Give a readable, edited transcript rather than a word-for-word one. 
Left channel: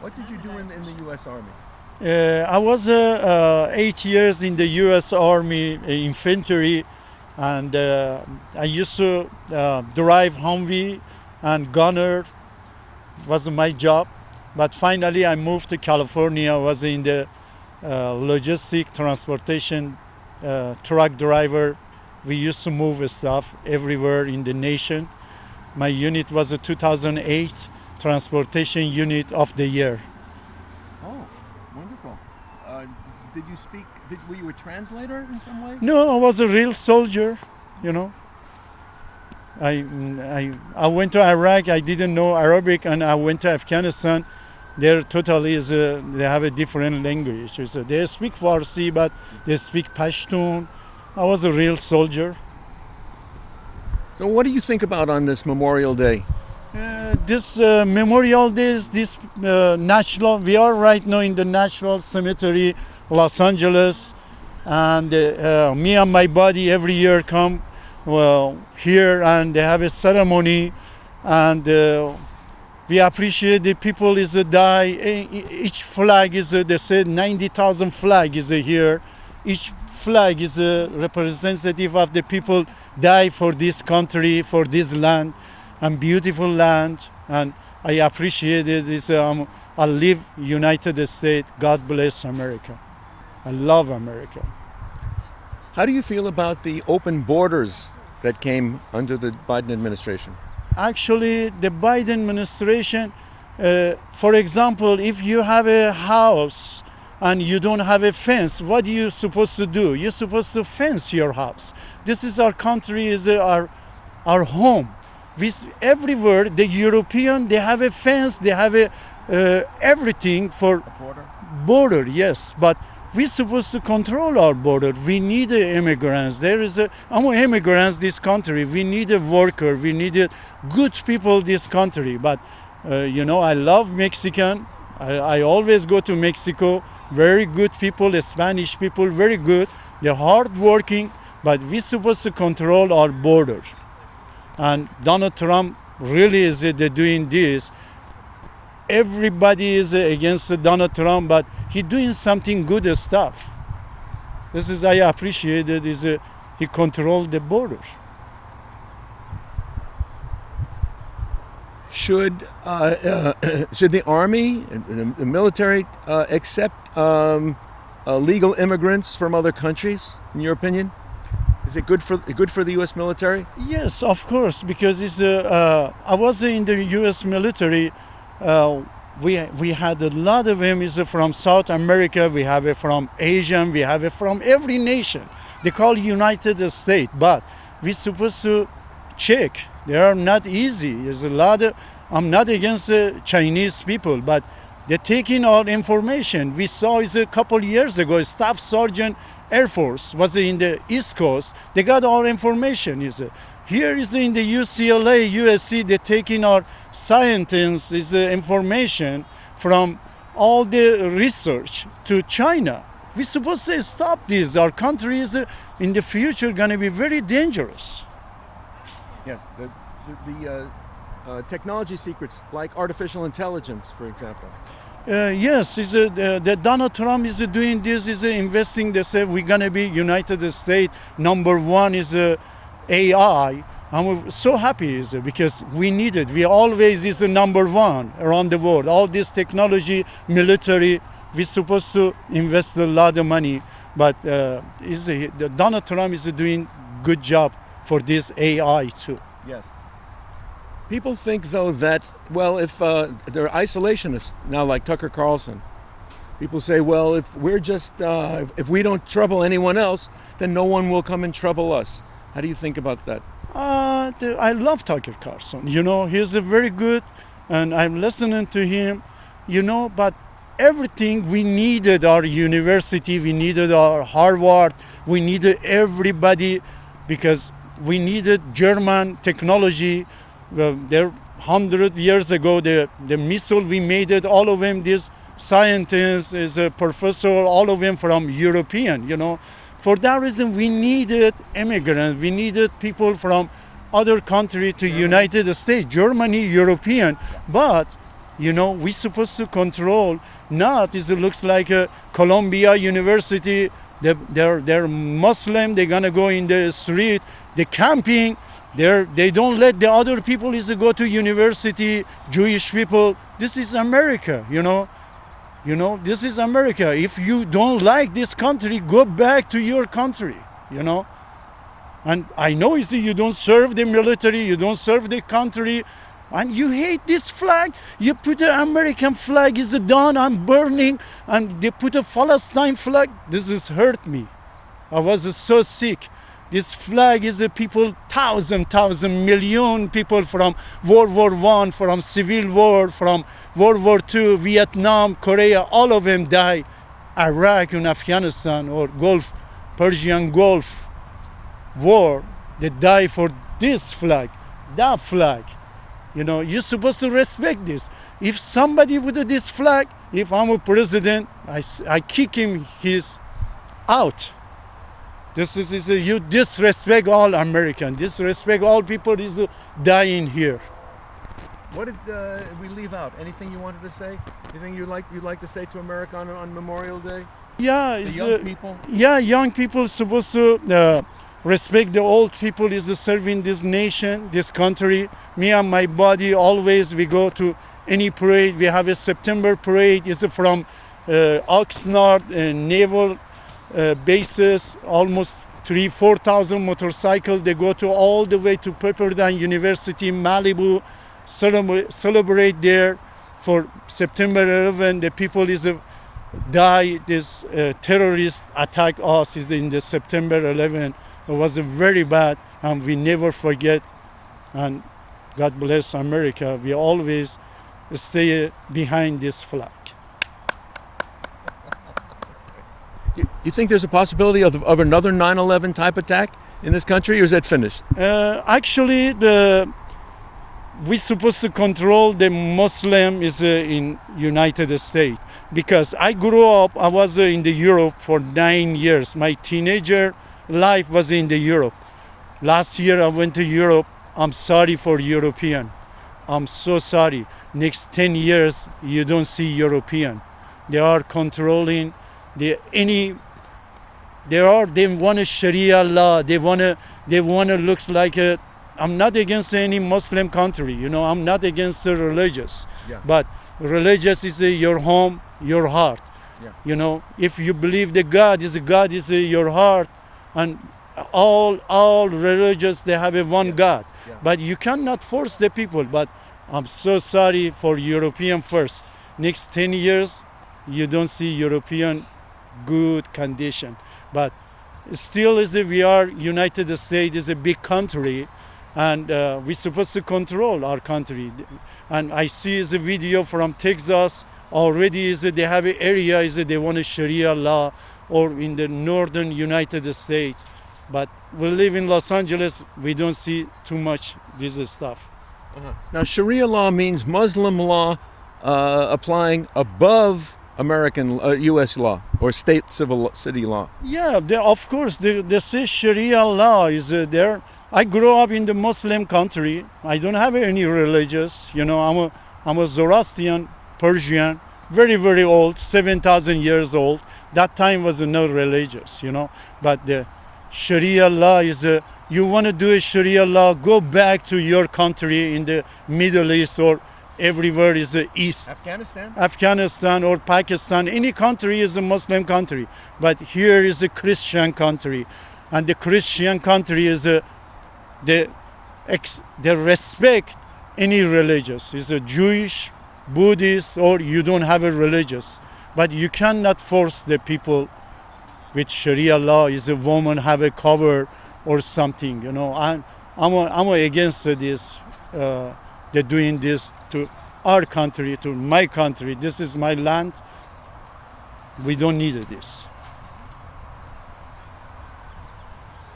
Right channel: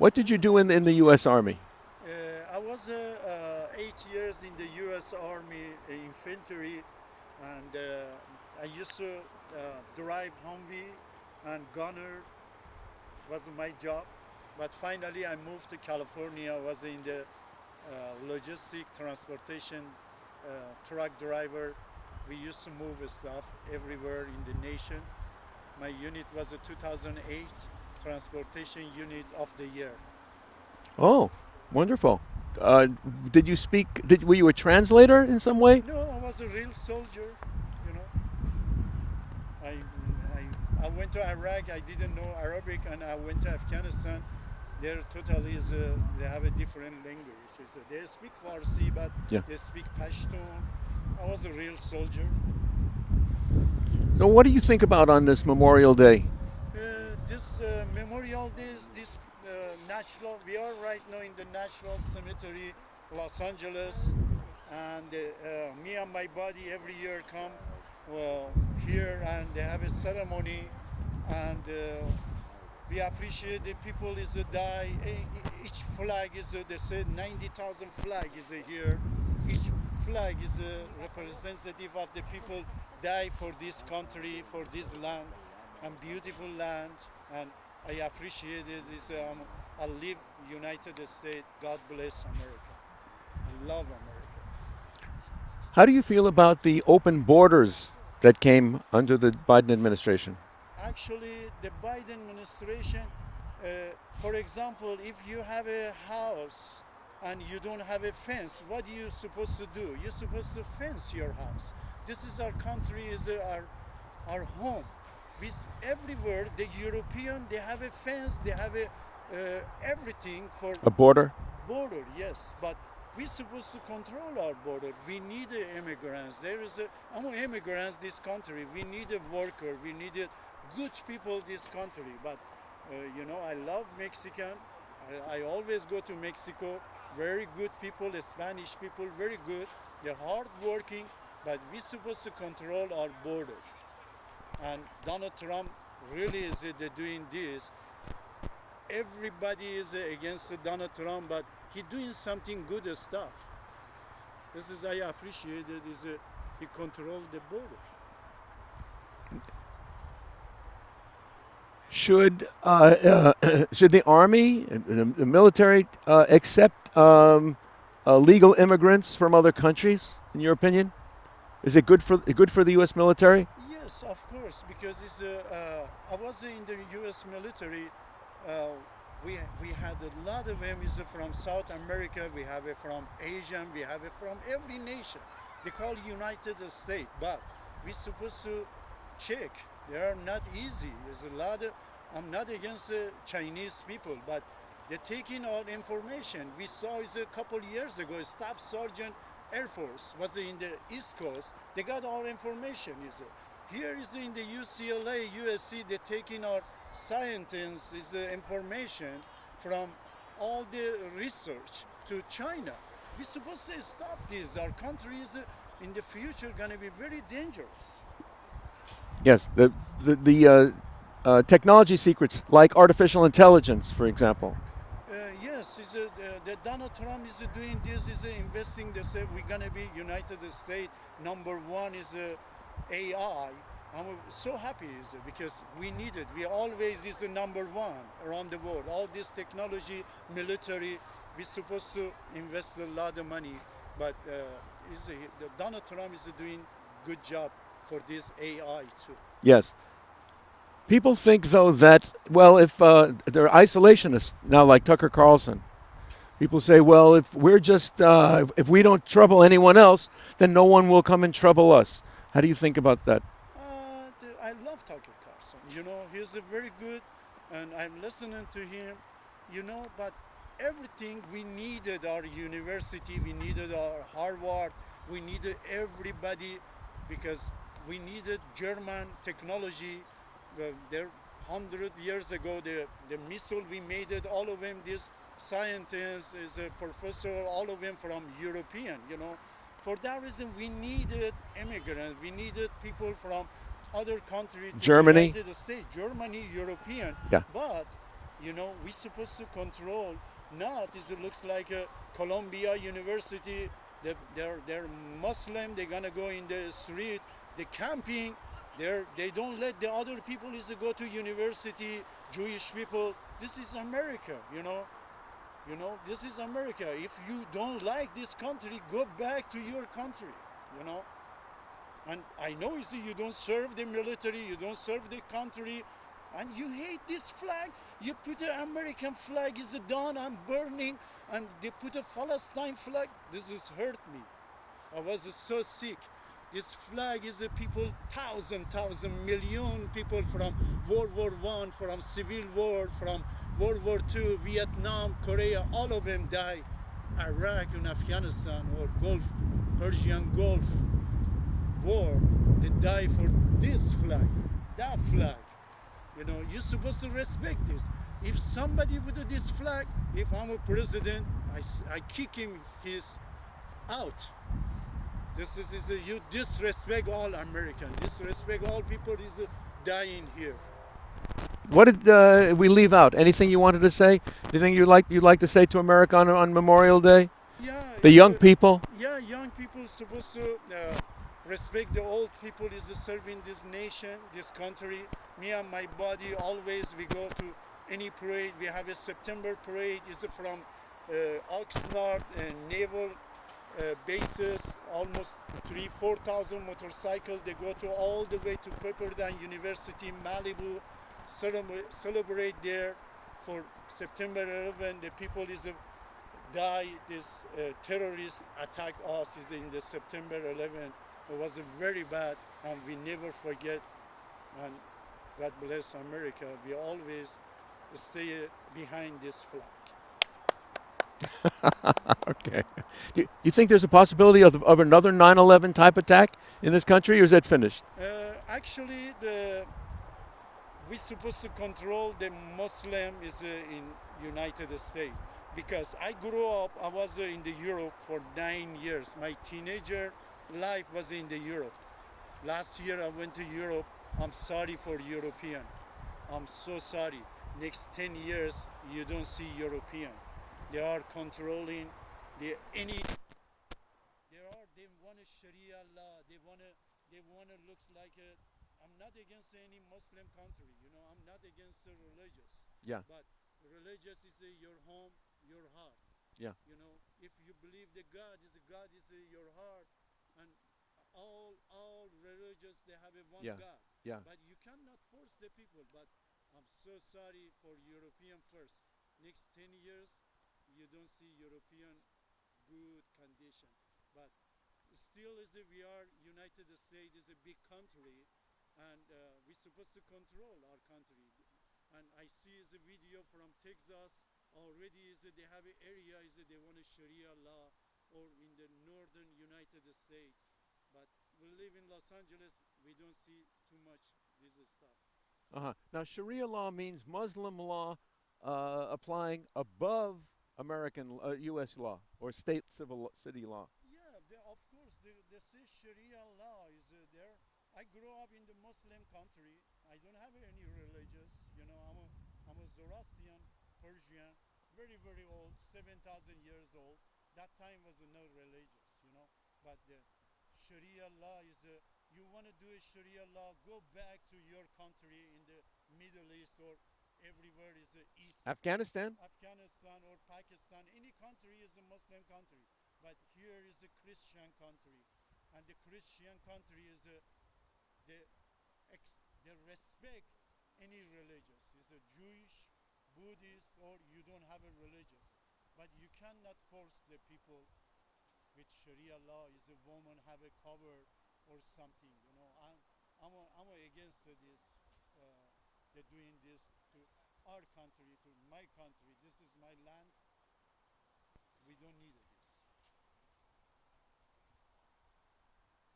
What did you do in the U.S. Army? I was 8 years in the U.S. Army infantry, and I used to drive Humvee and gunner was my job. But finally, I moved to California. I was in the logistic transportation truck driver. We used to move stuff everywhere in the nation. My unit was a 2008 Transportation Unit of the Year. Oh, wonderful. Uh, did you speak? Were you a translator in some way? No, I was a real soldier, you know. I went to Iraq. I didn't know Arabic, and I went to Afghanistan. They're totally they have a different language. They speak Farsi, but Yeah. they speak Pashtun. I was a real soldier. So, what do you think about on this Memorial Day? This Memorial Days, this national, we are right now in the National Cemetery, Los Angeles, and me and my buddy every year come here and they have a ceremony, and we appreciate the people is a die. Each flag is they said 90,000 flag is here. Each flag is a representative of the people die for this country, for this land, and beautiful land. And I appreciate it. I live United States. God bless America. I love America. How do you feel about the open borders that came under the Biden administration? Actually, the Biden administration, for example, if you have a house and you don't have a fence, what are you supposed to do? You're supposed to fence your house. This is our country, is our home. Everywhere, the European, they have a fence, they have everything for A border? border, yes, but we're supposed to control our border. We need immigrants. Among immigrants, this country, we need a worker. We need good people, this country. But, I love Mexican. I always go to Mexico. Very good people, Spanish people, very good. They're hardworking, but we're supposed to control our border. And Donald Trump really is doing this. Everybody is against Donald Trump, but he doing something good stuff. I appreciate it. He controlled the border. Should the army, the military, accept legal immigrants from other countries? In your opinion, is it good for the U.S. military? Yes, of course, because I was in the U.S. military. We had a lot of them is from South America. We have it from Asia. We have it from every nation. They call United States, but we're supposed to check. They are not easy. There's a lot of. I'm not against the Chinese people, but they're taking our information. We saw a couple years ago, Staff Sergeant Air Force was in the East Coast. They got our information. Here is in the UCLA, USC, they're taking our scientists' information from all the research to China. We're supposed to stop this. Our country is in the future going to be very dangerous. Yes, the technology secrets like artificial intelligence, for example. Yes, the Donald Trump is doing this, is investing. They say we're going to be United States #1 is AI. I'm so happy because we need it. We always is the #1 around the world. All this technology, military, we're supposed to invest a lot of money. But Donald Trump is doing good job for this AI too. Yes. People think, though, that, well, if they're isolationists now, like Tucker Carlson, people say, well, if we're just, if we don't trouble anyone else, then no one will come and trouble us. How do you think about that? I love Tucker Carlson. He's a very good, and I'm listening to him, but everything we needed, our university, we needed our Harvard, we needed everybody because we needed German technology. There 100 years ago, the missile we made it, all of them, these scientists, is a professor, all of them from European, For that reason, we needed immigrants. We needed people from other country to Germany. United States, Germany, European. Yeah. But, You know, we're supposed to control. Not is it looks like a Columbia University. They're Muslim. They're gonna go in the street. They're camping. They don't let the other people is go to university. Jewish people. This is America. You know. You know, this is America. If you don't like this country, go back to your country, you know. And I know you see, you don't serve the military, you don't serve the country, and you hate this flag. You put an American flag is down and burning, and they put a Palestine flag. This has hurt me. I was so sick. This flag is a people, thousand, million people from World War I, from Civil War, from World War II, Vietnam, Korea, all of them die. Iraq and Afghanistan or Gulf, Persian Gulf War, they die for this flag, that flag. You know, you're supposed to respect this. If somebody with this flag, if I'm a president, I kick him, he's out. This is you disrespect all American, disrespect all people is dying here. What did we leave out? Anything you wanted to say? Anything you'd like to say to America on Memorial Day? Yeah, The young people? Yeah, young people supposed to respect the old people is serving this nation, this country. Me and my buddy always we go to any parade. We have a September parade. Is from Oxnard Naval bases, almost 3,000-4,000 motorcycles. They go to all the way to Pepperdine University, Malibu, celebrate there for September 11. The people is die. This terrorist attack us is in the September 11. It was very bad, and we never forget. And God bless America. We always stay behind this flag. Okay. You think there's a possibility of another 9/11 type attack in this country, or is that finished? Actually, we're supposed to control the Muslim is in United States, because I grew up. I was in the Europe for 9 years. My teenager life was in the Europe. Last year I went to Europe. I'm sorry for European. I'm so sorry. Next 10 years you don't see European. They are controlling. They want a Sharia law. They wanna looks like a. I'm not against any Muslim country. You know, I'm not against the religious. Yeah. But religious is your home, your heart. Yeah. You know, if you believe that God is your heart, and all religious they have a one Yeah. God. Yeah. But you cannot force the people. But I'm so sorry for European first. Next 10 years, you don't see European good condition. But still we are United States is a big country, and we're supposed to control our country. And I see the video from Texas already they have an area they want a Sharia law, or in the northern United States. But we live in Los Angeles, we don't see too much this stuff. Now, Sharia law means Muslim law applying above American U.S. law or state city law. Yeah, of course, they say Sharia law is there. I grew up in the Muslim country. I don't have any religious. You know, I'm a Zoroastrian, Persian, very, very old, 7,000 years old. That time was no religious, you know. But the Sharia law is you want to do a Sharia law, go back to your country in the Middle East or everywhere is the East. Afghanistan or Pakistan. Any country is a Muslim country. But here is a Christian country. And the Christian country is they respect any religious. Is a Jewish, Buddhist, or you don't have a religious. But you cannot force the people with Sharia law is a woman have a cover or something. You know, I'm against this. They're doing this to our country, to my country. This is my land. We don't need this.